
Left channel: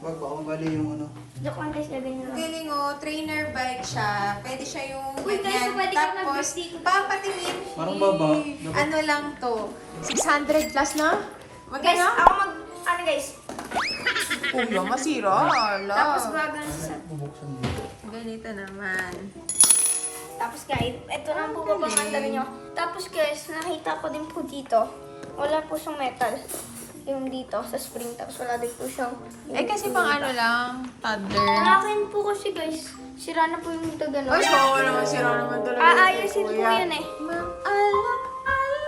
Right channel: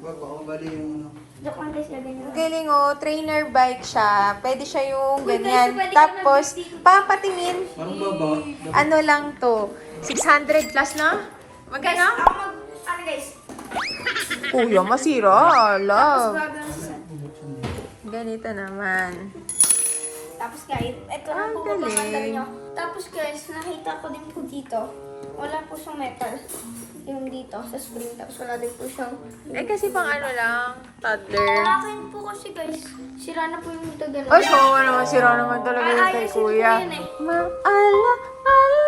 Joke lang guys, gagawin lang. Galing oh, trainer bike siya. Pwede siya yung Uy, ganyan. guys, pwede ka Tapos, mag-video. papatingin. Ano lang to? 600 plus na? Guys, Magkano? ako ano guys? Kuya, masira. Tapos Love. gagawin sa Ganito naman. Tapos guys, ito na po galing. babanganda rin nyo. Tapos guys, nakita ko din po dito. Wala po siyang metal. Yung dito sa spring. Tapos wala din po siyang... Kasi pang ano lang, toddler. Akin po kasi guys, sira na po yung dito gano'n. Ay, naman, sira naman talaga yun kay Aayusin po kuya. yun eh. Maala,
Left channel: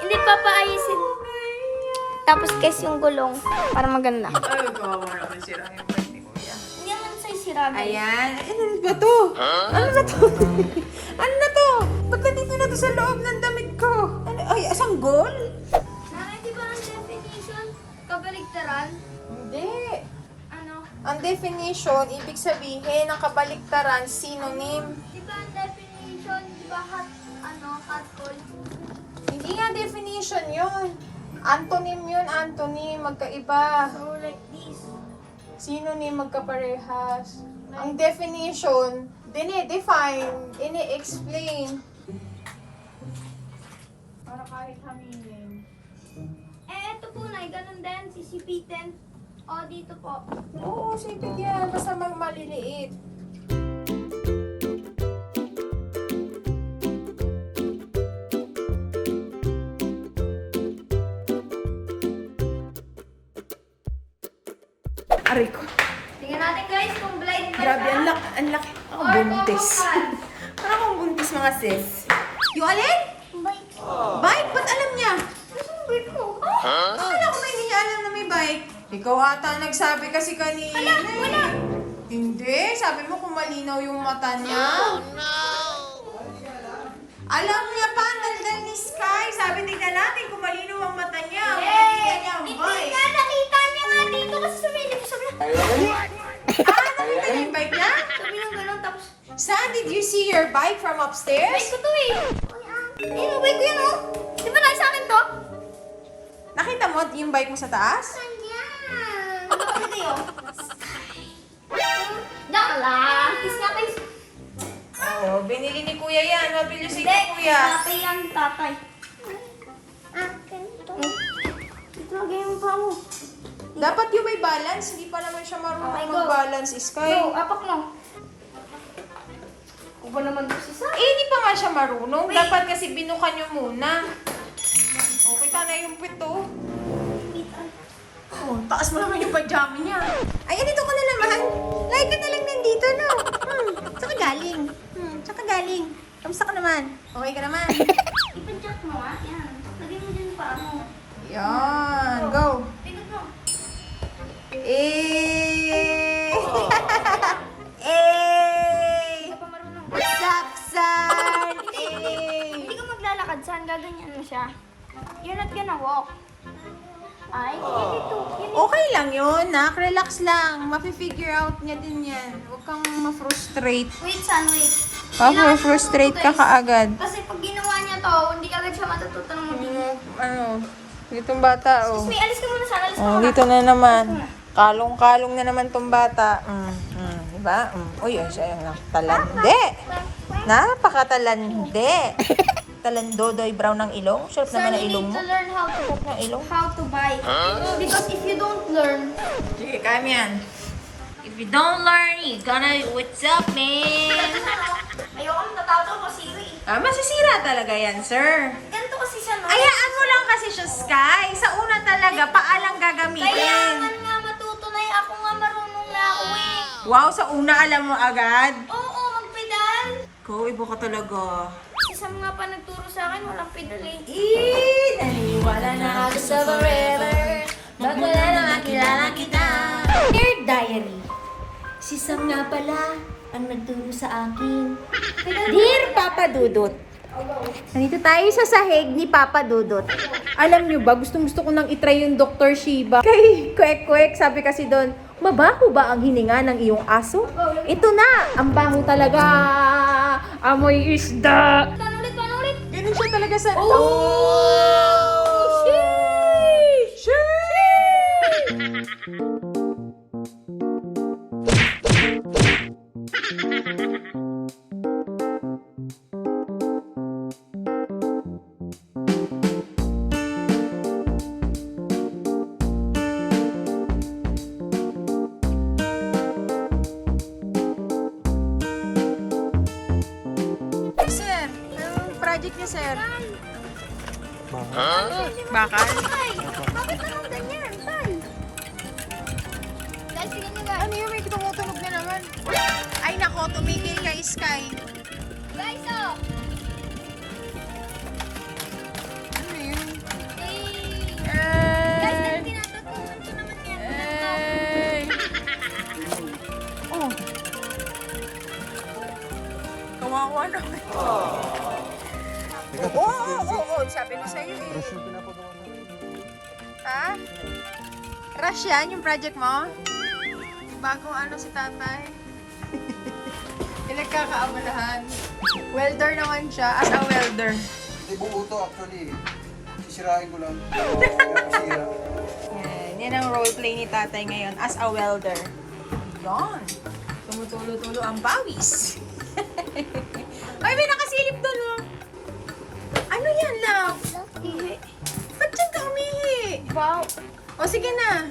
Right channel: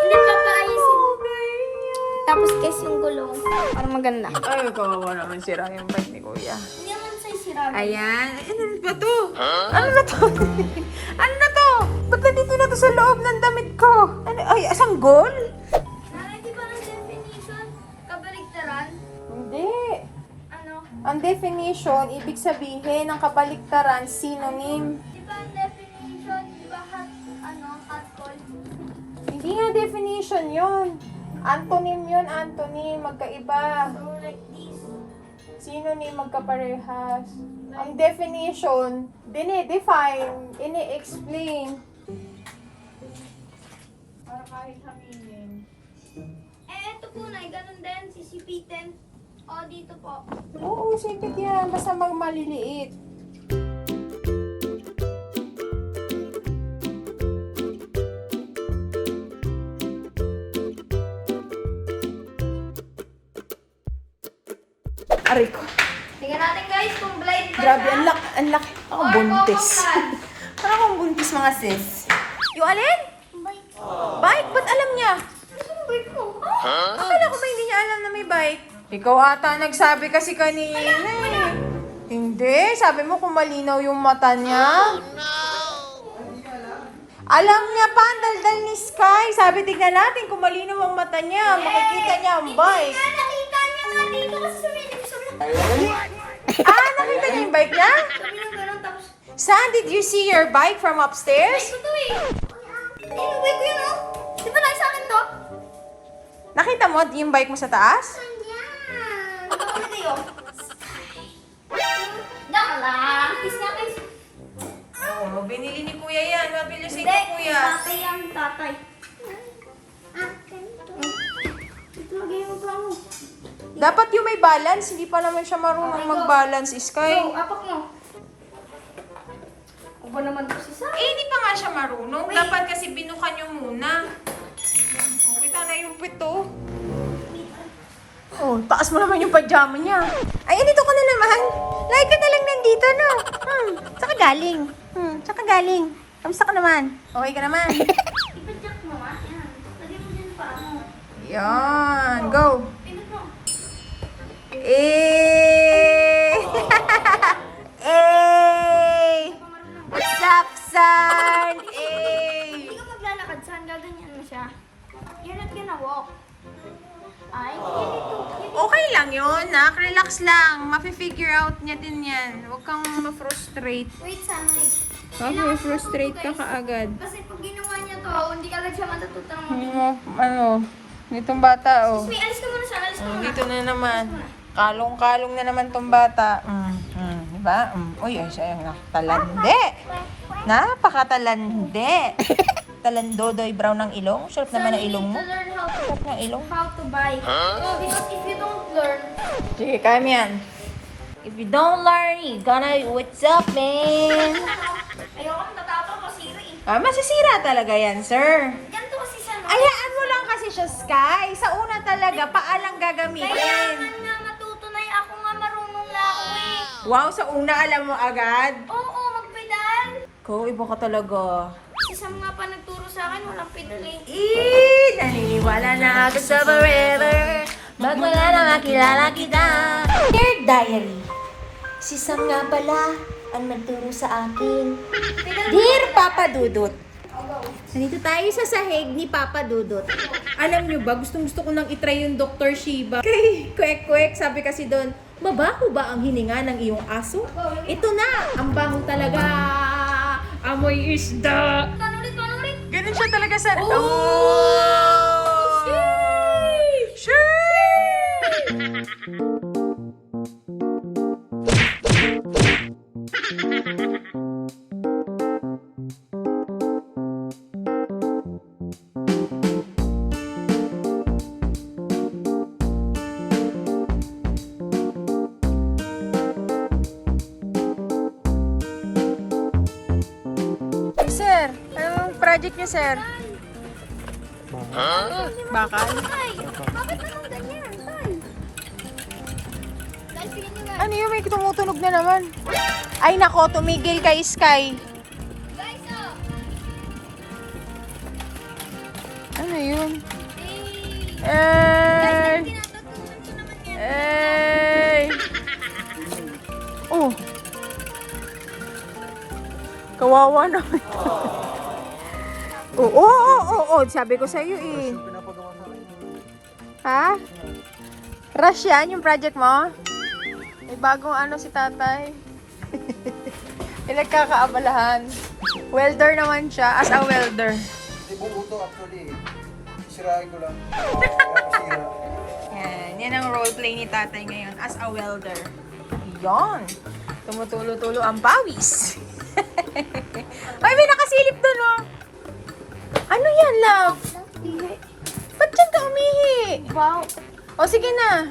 Hindi, papaayusin. Tapos guys, yung gulong, para maganda. Ay, kawawa naman sira yung bike ni kuya. Hindi naman sa'yo sira guys. Ayan. Ano ba to? Ano ba to? Ano na to? Ba't nandito na to sa loob ng damit ko? Ano? Ay, sanggol? Nanay, di ba ang definition? Kabaligtaran? Hindi. Ano? Ang definition, ibig sabihin ng kabaliktaran, synonym. Di ba ang definition? Di ba hot call? Hindi nga definition yun. Antonym yun, antonym. Magkaiba. So like this. Synonym, magkaparehas. Ang definition, dinidefine, ini-explain. Para kahit haminin. Ito po na, ganun din, sisipitin. O, dito po. Oo, sipit yan. Basta maliliit. Aray ko. Tingnan natin guys kung blind ba Grabe, siya. ang laki. Ako Or buntis. bubuksan. Parang akong buntis mga sis. Yung alin? Bike. Bike? Ba't alam niya? Gusto mo bike mo? Akala ko ba hindi niya alam na may bike? Ikaw ata nagsabi kasi kanina eh. Hindi, sabi mo kung malinaw yung mata niya. Alam niya pa, ang daldal ni Sky. Sabi, tignan natin kung malinaw ang mata niya. Makikita niya ang Hindi bike. nga, nakita niya nga dito kasi sa video. Sabi San, did you see your bike from upstairs? Bike ko to eh. Bike ko yun oh. Di ba tayo sa akin to? Nakita mo yung bike mo sa taas? Ayan. Ano kayo? Daka lang. Kiss nga kayo. Oo, binili ni Kuya yan. Mabili si Hindi. Kuya. Tatay yan, tatay. Ganito. Ito, lagay mo pa mo. Dapat yung may balance. Hindi pa naman siya marunong Okay, go. mag-balance, Sky. Go, apak mo. Ako ba naman to si Sa? Hindi pa nga siya marunong. Wait. Dapat kasi binukan niyo muna. Okay, na yung pito. Oh, taas mo naman yung pajama niya. Ay, dito ka na naman. Lagi ka na lang nandito, no? Saka galing. Saka galing. Kamusta ka naman? Okay ka naman? Ipadjak mo ah. Yan. Lagay mo din pa mo. Yan. Go. Pinag mo. Eh! Eh! Hindi pa marunong. Sapsan! Eh! Hindi ka maglalakad saan, gaganyan mo siya. You're not gonna walk. Ay, ganito. Okay lang yun, nak. Relax lang. Mafe-figure out niya din yan. Huwag kang ma-frustrate. Wait, San, wait. Ma-frustrate ka kaagad. Kasi pag ginawa niya to, hindi agad siya matututo ng... Ditong bata, oh. May alis ka muna, San. Alis ka Oh, muna. dito na naman. Kalong-kalong na naman tong bata. Diba? Uy, ay siya yung talande. Napakatalande. Talandodoy brown ng ilong. Sarap naman ng ilong mo. To learn how to, Sarap ng ilong. how to buy. Because if you don't learn, Sige, kaya mo yan. If you don't learn, you gonna... What's up, man? ayoko natatakot kasi Masisira talaga yan, sir. ganito kasi siya, no? Ayaan mo lang kasi siya, Sky. Sa una talaga, paalang gagamitin. Kailangan nga matutunay. Ako nga marunong na ako eh. Wow, sa una alam mo agad. Oo, magpedal. Ko, iba ka talaga. Si Sam nga pa nagturo sa akin, walang pedal eh. Naniwala na ako sa forever. Pag wala na makilala kita. Dear Diary, si Sam nga pala ang nagturo sa akin. Dear Papa Dudut, nandito tayo sa sahig ni Papa Dudut. Alam nyo ba, gustong-gusto ko nang itry yung Dr. Shiba. Kay Kwek-Kwek, sabi kasi doon, mabaho ba ang hininga ng iyong aso? Ito na, ang baho talaga. Amoy isda. Panulit. Ganun siya talaga sa... Oh! Sheesh! Sir, anong project niya, sir? Bakal? Tay, bakit naman ganyan? Tay. Guys, tingnan nyo guys. Ano yun? May tumutunog na naman. Ay nako, tumigil kay Sky. Guys, oh. Ano yun? Guys, Eh! tinatutunan ko naman yan. Eh! Oh! Kawawa naman. Oo. Sabi ko sa'yo eh. Ha? Rush yan yung project mo? May bagong ano si tatay. Pinagkakaabalahan. Welder naman siya, as a welder. Hindi buo to actually. Sisirain ko lang. Sira. Yan ang roleplay ni tatay ngayon, as a welder. Yan. Tumutulo-tulo ang pawis. Ay, may nakasilip doon, oh. Ano yan, love? Ba't dyan ka umihi? Wow. O, sige na.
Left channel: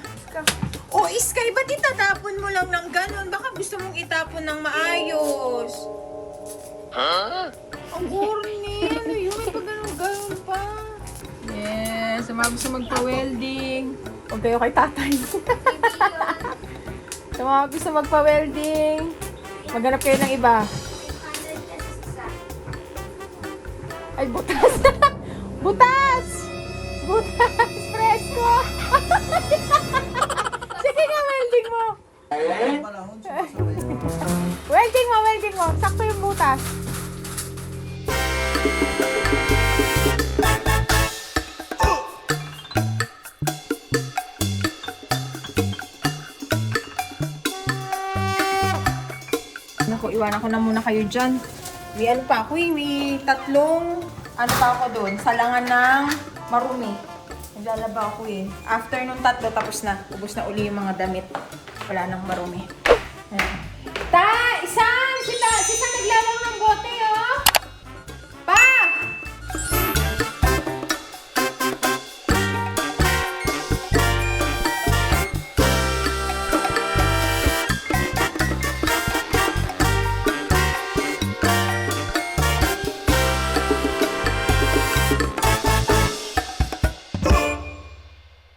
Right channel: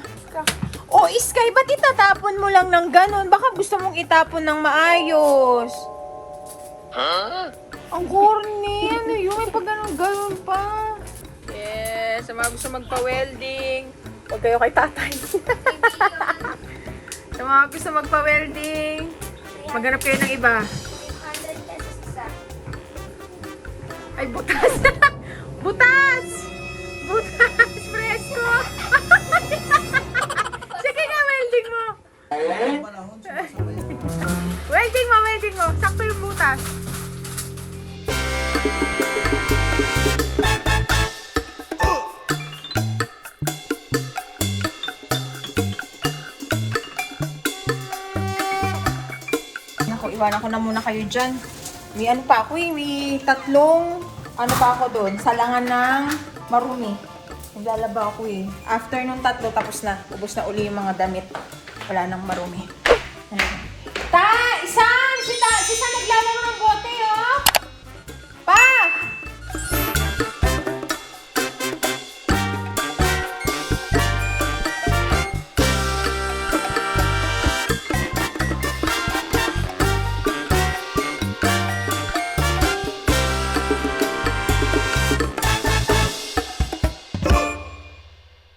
O, Sky, ba't itatapon mo lang ng ganon? Baka gusto mong itapon ng maayos. Ang corny. Ano yun? Pag ganon pa. Yes, sa mga gusto magpa-welding. Huwag kayo kay tatay. Sa mga gusto magpa-welding, maghanap kayo ng iba. 100 pesos isa. Ay, butas! Butas! Butas! Presko! Sige nga, welding mo! Ang panahon, sumasabay. Welding mo! Sakto yung butas. Naku, iwanan ko na muna kayo dyan. May ano pa ako eh, may tatlong, ano pa ako doon, salangan ng marumi. Naglalaba ako eh. After nung tatlo, tapos na. Ubus na uli yung mga damit. Wala nang marumi. Ta! Isan! Si San naglalaro ng bote, oh!